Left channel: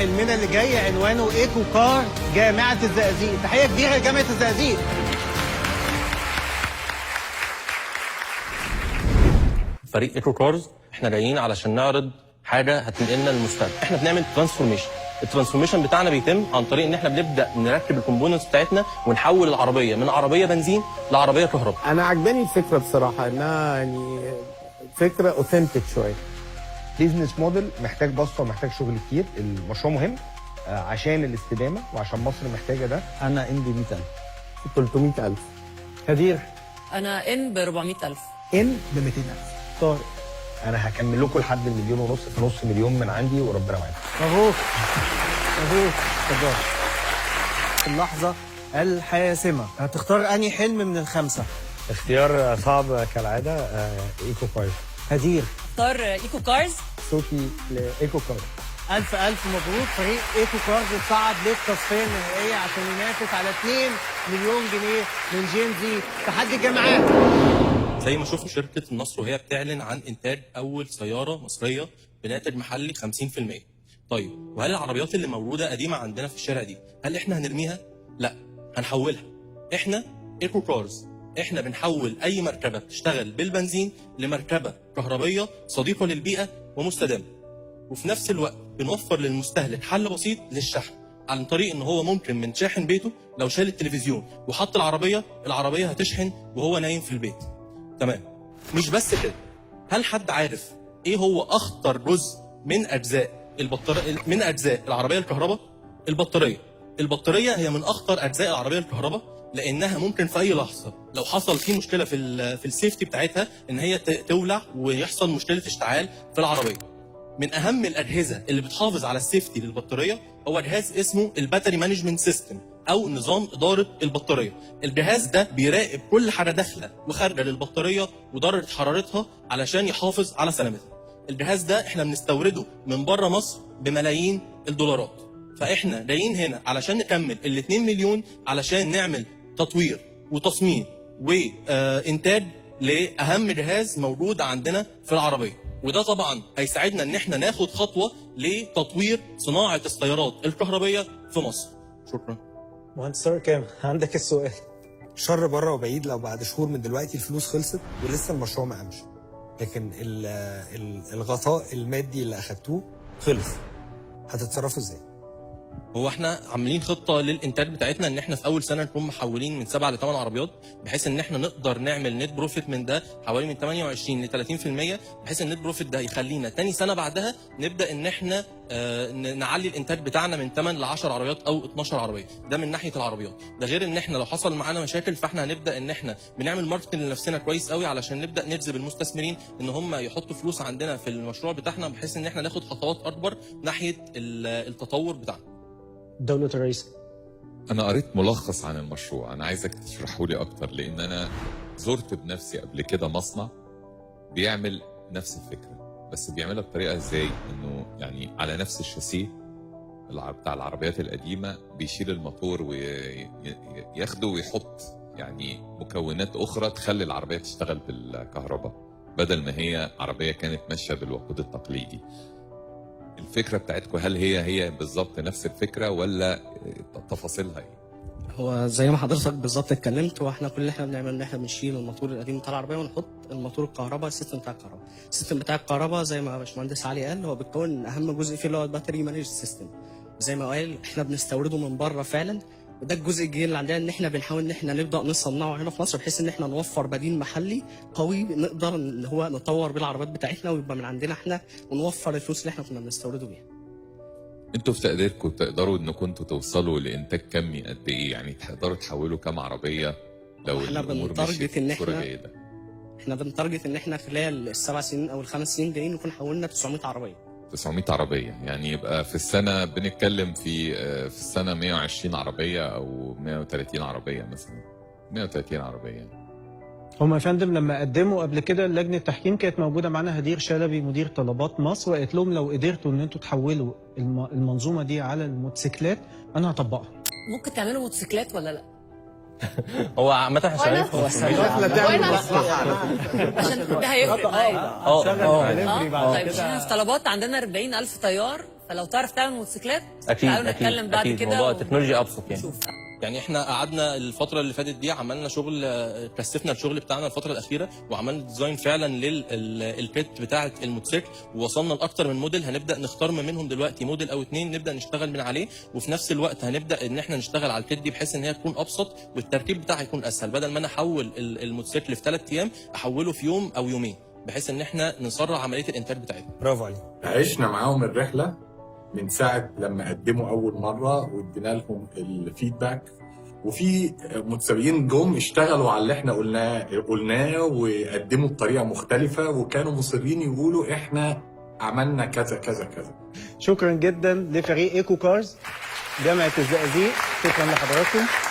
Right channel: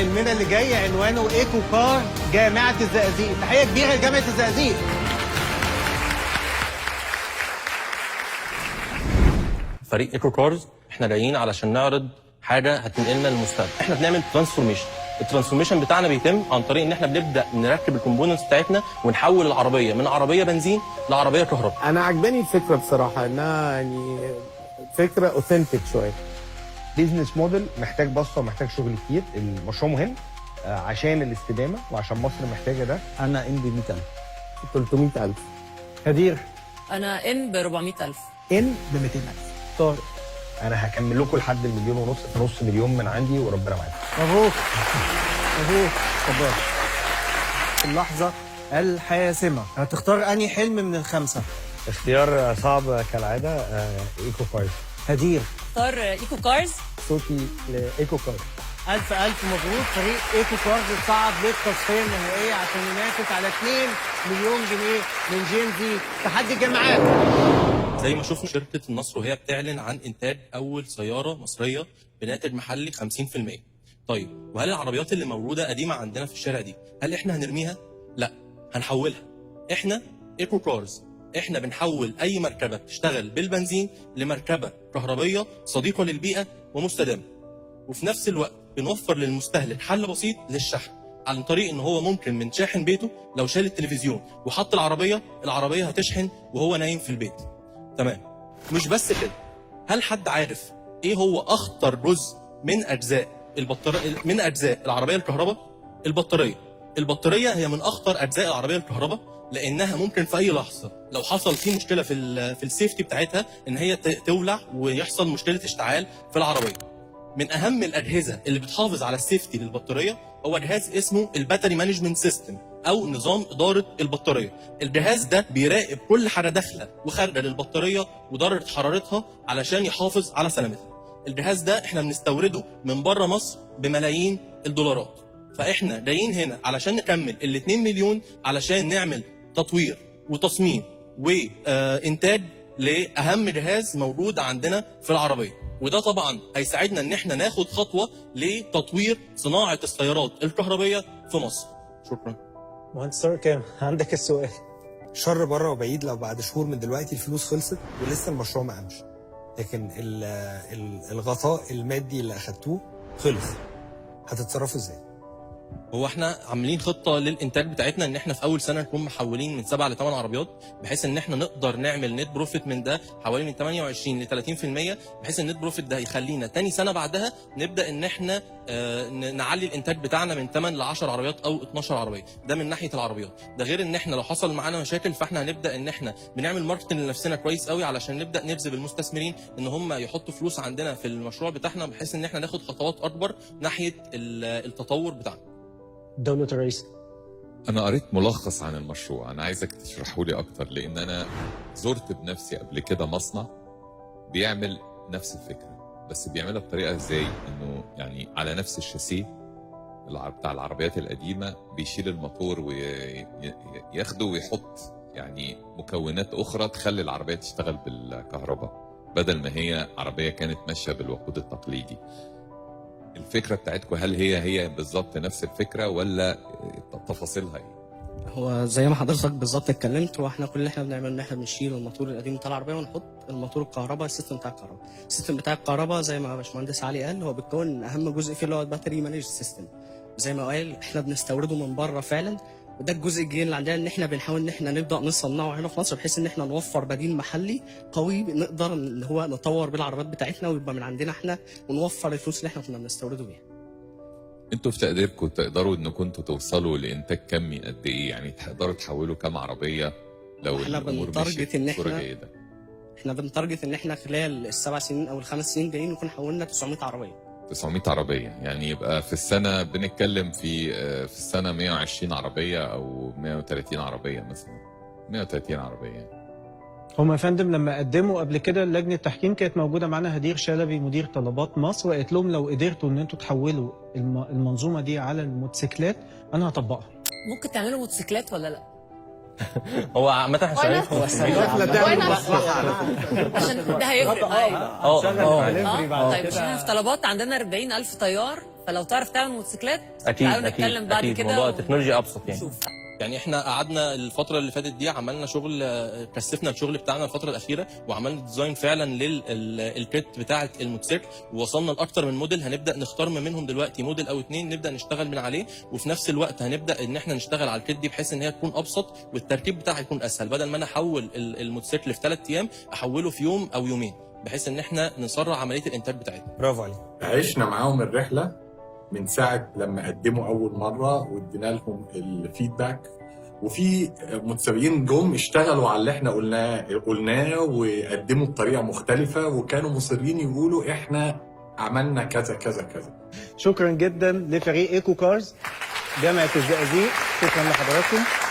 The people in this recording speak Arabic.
حلمنا اللي جاي عنوانه ايكو كار جامعة الزقازيق. تحية كبيرة لجامعة الزقازيق. فريق ايكو كارز احنا جايين علشان نعرض حاجه هتنقلنا للمستقبل. احنا بنعمل ترانسفورميشن. الترانسفورميشن بتاعنا بيتم عن طريق ان احنا بنبدا نركب الكومبوننتس بتاعتنا ونحول العربيه من عربيه بنزين لعربيه كهرباء. انا عجباني الفكرة بصراحة، انها يعني فكرة اوثنتيك شوية. بيزنس موديل محتاج بسطه ومحتاج شغل كتير. المشروع مهم عشان الاستدامه وعشان مصر محتاجه ده. انا ان ب 100,000. 300,000. كبير. انا ان ب 400,000. ان ب 200,000. طارق. انا هكمل لكم لحد المليون ونص، نص مليون من عندي وربنا معاكم. مبروك. مبروك. اتفضل. اللحظة الحاسمة، هتختار أنهي حلم من الخمسة؟ اختيار صعب كالعاده. ايكو كارز. هدير. اختار ايكو كارز. صوتي ايكو كارز. ألف مبروك. فريق ايكو كارز صعد للتصفية النهائية عشان ينافس على 2 مليون جنيه من جينتي تحدي جامعات. زي ما شوفوا شركه النصر وهي بتعلن عن انتاج اول سياره مصريه بناتج محلي 50%. طيب وهل العربيات اللي موجوده قديمه عندنا في الشارع دي هل احنا هنرميها؟ لا، هنحولها. احنا ايكو كارز احنا بنحول اي مركبه بتشتغل بالبنزين لمركبه كهربيه صديقه للبيئه ومستدامه. وفي نفس الوقت بنوفر للمستهلك حل بسيط للشحن عن طريق ان هو ممكن من شاحن بيته لو شال التلفزيون وحط العربيه هتشحن وهو نايم في البيت. تمام. مش بس كده، هل حد عارف ايه هو اخطر جزء من اجزاء من اجزاء العربيه الكهرباء؟ البطاريه هي من اخطر اجزاء العربيه الكهرباء، لانها ممكن في اي لحظه لو حصل في مشكله في السيفتي بتاعتها ان هي تولع ويحصل مشكله اشتعال في العربيه. من اهم الاجهزه اللي بتحافظ على السيفتي للبطاريه هو جهاز اسمه الباتري مانجمنت سيستم او نظام اداره البطاريه. الجهاز ده بيراقب كل حاجه داخله وخارجه للبطاريه ودرجه حرارتها علشان يحافظ على سلامتها. الجهاز ده احنا بنستورده من بره مصر بملايين الدولارات. فاحنا جايين هنا علشان نكمل ال 2 مليون علشان نعمل تطوير وتصميم وانتاج لاهم جهاز موجود عندنا في العربيه. وده طبعا هيساعدنا ان احنا ناخد خطوه لتطوير صناعه السيارات الكهربيه في مصر. شكرا. مهندس طارق كام؟ عندك السؤال. شر بره وبعيد لو بعد شهور من دلوقتي الفلوس خلصت ولسه المشروع ما قامش، لكن الغطاء المادي اللي اخدتوه خلص، هتتصرفوا ازاي؟ هو احنا عاملين خطه للانتاج بتاعتنا ان احنا في اول سنه نكون محولين من 7 ل 8 عربيات، بحيث ان احنا نقدر نعمل نت بروفيت من ده حوالي من 28 ل 30%، بحيث النت بروفيت ده هيخلينا تاني سنه بعدها نبدا ان احنا نعلي الانتاج بتاعنا من 8 ل 10 عربيات او 12 عربيه. ده من ناحيه العربيات. ده غير ان احنا لو حصل معانا مشاكل فاحنا هنبدا ان احنا بنعمل ماركتنج لنفسنا كويس قوي علشان نبدا نجذب المستثمرين ان هم يحطوا فلوس عندنا في المشروع بتاعنا، بحيث ان احنا ناخد خطوات اكبر ناحيه التطور بتاعنا. دولة الرئيس. أنا قريت ملخص عن المشروع، أنا عايزك تشرحه لي أكتر، لأن أنا زرت بنفسي قبل كده مصنع بيعمل نفس الفكرة، بس بيعملها بطريقة إزاي؟ إنه يعني على نفس الشاسيه بتاع العربيات القديمة بيشيل الموتور وياخده ويحط يعني مكونات أخرى تخلي العربية تشتغل بالكهرباء بدل ما هي عربية كانت ماشية بالوقود التقليدي. الفكرة بتاعتكم هل هي بالظبط نفس الفكرة ولا تفاصيلها ايه؟ هو زي ما حضرتك بالظبط اتكلمت، واحنا كل اللي احنا بنعمله ان احنا بنشيل الموتور القديم بتاع العربيه ونحط الموتور الكهرباء، السيستم بتاع الكهرباء. السيستم بتاع الكهرباء زي ما باشمهندس علي قال هو بيتكون اهم جزء فيه اللي هو الباتري مانج سيستم. زي ما قال احنا بنستورده من بره فعلا، وده الجزء الجديد اللي عندنا ان احنا بنحاول ان احنا نبدا نصنعه هنا في مصر، بحيث ان احنا نوفر بديل محلي قوي نقدر ان هو نطور بالعربيات بتاعتنا ويبقى من عندنا احنا ونوفر الفلوس اللي احنا كنا بنستورده بيها. انتوا في تقديركم تقدروا انكم انتوا توصلوا لانتاج كمي قد ايه؟ يعني تقدروا تحولوا كام عربيه لو احنا الامور بنتارجت ان احنا بنتارجت ان احنا خلال السبع سنين او الخمس سنين جايين نكون حولنا 900 عربيه. 900 عربيه، يعني يبقى في السنه بنتكلم في السنه 120 عربيه او 130 عربيه مثلا. 130 عربيه. هم يا فندم لما قدموا قبل كده لجنه التحكيم كانت موجوده معانا هدير شلبي مدير طلبات مصر، وقالت لهم لو قدرتوا ان انتوا تحولوا المنظومه دي على الموتوسيكلات انا هطبقها. ممكن تعملوا موتوسيكلات ولا لا؟ هو عامة احنا شغالين عشان ده هيفرق. ايوه. طيب احنا في طلبات عندنا 40,000 طيار فلو تعرف تعمل موتوسيكلات اكيد تعالوا اكيد نتكلم بعد اكيد كده موضوع التكنولوجيا ابسط يعني. ونشوف. يعني احنا قعدنا الفترة اللي فاتت دي عملنا شغل، كثفنا الشغل بتاعنا الفترة الأخيرة وعملنا ديزاين فعلا للكيت بتاعة الموتوسيكل، ووصلنا لأكتر من موديل. هنبدأ نختار ما منهم دلوقتي موديل أو اتنين نبدأ نشتغل من عليه، وفي نفس الوقت هنبدأ إن احنا نشتغل على الكيت دي بحيث إن هي تكون أبسط والتركيب بتاعها يكون أسهل. بدل ما أنا أحول الموتوسيكل في 3 أيام أحوله في يوم أو يومين، بحيث إن احنا نسرع عملية الإنتاج بتاعتنا. برافو عليك. عشنا معاهم الرحله من ساعه لما قدموا اول مره وادينا لهم الفيدباك، وفي متسابقين جم اشتغلوا على اللي احنا قلناه وقدموا بطريقه مختلفه، وكانوا مصرين يقولوا احنا عملنا كذا كذا كذا. شكرا جدا لفريق ايكو كارز جامعه الزقازيق، شكرا لحضراتكم.